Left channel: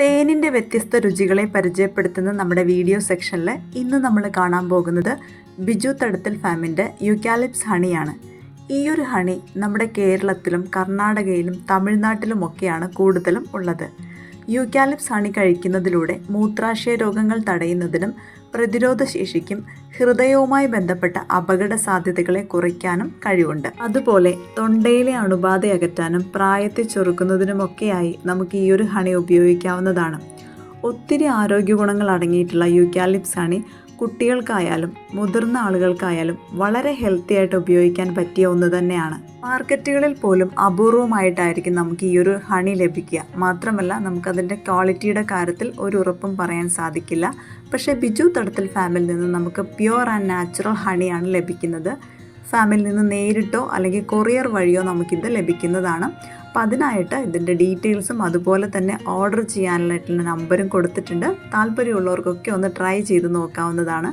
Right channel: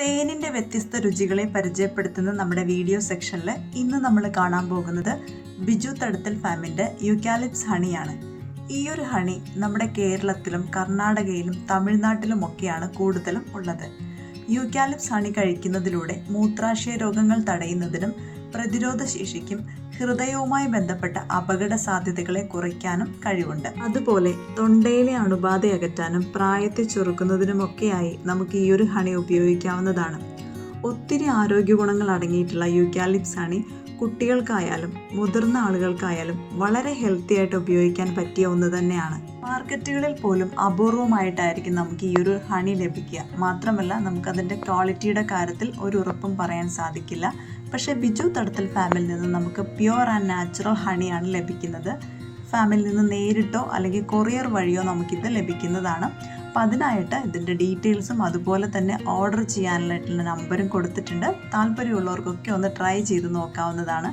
തേനിൻ്റെ വ്യത്യസ്ത രുചികളെ പരിചയപ്പെടുത്തുന്ന നമ്മുടെ വീഡിയോ സെക്ഷനിൽ ഇന്ന് നമ്മൾ കാണാൻ പോകുന്നത് ബിജു തടത്തിൽ ഫാമിൻ്റെ യൂക്കാലിപ്സ് ഹണിയാണ്. ഈ ഒരു ഹണി നമ്മുടെ കേരളത്തിലും കർണാടകയിലും തമിഴ്നാട്ടിലുമൊക്കെയാണ് കൂടുതലും ഉള്ളത്. യൂക്കാലിപ്സ് ഹണി കഴിക്കുന്നതിലൂടെ മൂത്രാശയ രോഗങ്ങൾ തടയുന്നതിനും പ്രതിരോധ ശേഷിക്കും ഹൃദയവുമായി ബന്ധപ്പെട്ട അപകട സാധ്യതകളെ കുറയ്ക്കാനും കഴിവുണ്ട്. അതുപോലെ തൊണ്ടയിലെ അണുബാധ അകറ്റാനും പ്രായത്തെ ചുരുക്കുന്നതിനുമൊക്കെയായി നമുക്ക് ഈ ഒരു ഹണി ഉപയോഗിക്കാവുന്നതാണ്. ഒത്തിരി ആരോഗ്യ ഗുണങ്ങൾ അടങ്ങിയിട്ടുള്ള യൂക്കാലിപ്സ് ഹണി കുട്ടികൾക്കായാലും മുതിർന്ന ആളുകൾക്കായാലും വളരെ ഹെൽത്തി ആയിട്ട് ഉപയോഗിക്കാൻ പറ്റിയ ഒന്ന് തന്നെയാണ്. മാർക്കറ്റുകളിൽ പോലും അപൂർവമായിട്ടായിരിക്കും നമുക്ക് ഈ ഒരു ഹണി ലഭിക്കുക. മാത്രമല്ല നമുക്കതിൻ്റെ ക്വാളിറ്റിയുടെ കാര്യത്തിൽ ഒരു ഉറപ്പും പറയാൻ സാധിക്കില്ല. പക്ഷേ ബിജു തടത്തിൽ ഫാമിൽ നിന്ന് നമുക്ക് പ്യുവർ ആൻഡ് നാച്ചുറൽ ഹണിയാണ് ലഭിക്കുന്നത്. ഫാമിൽ നിന്ന് നേരിട്ടോ അല്ലെങ്കിൽ കൊറിയർ വഴിയോ നമുക്കിത് ലഭിക്കുന്നതാണ്. അപ്പോൾ അതിനായിട്ട് ഇതിൻ്റെ ഡീറ്റെയിൽസും അതുപോലെ തന്നെ ഓർഡർ ചെയ്യാനായിട്ടുള്ള നമ്പറും കൊടുത്തിട്ടുണ്ട്. താല്പര്യമുള്ളവർക്കൊക്കെ ഒന്ന് ട്രൈ ചെയ്ത് നോക്കാവുന്നതാണ്.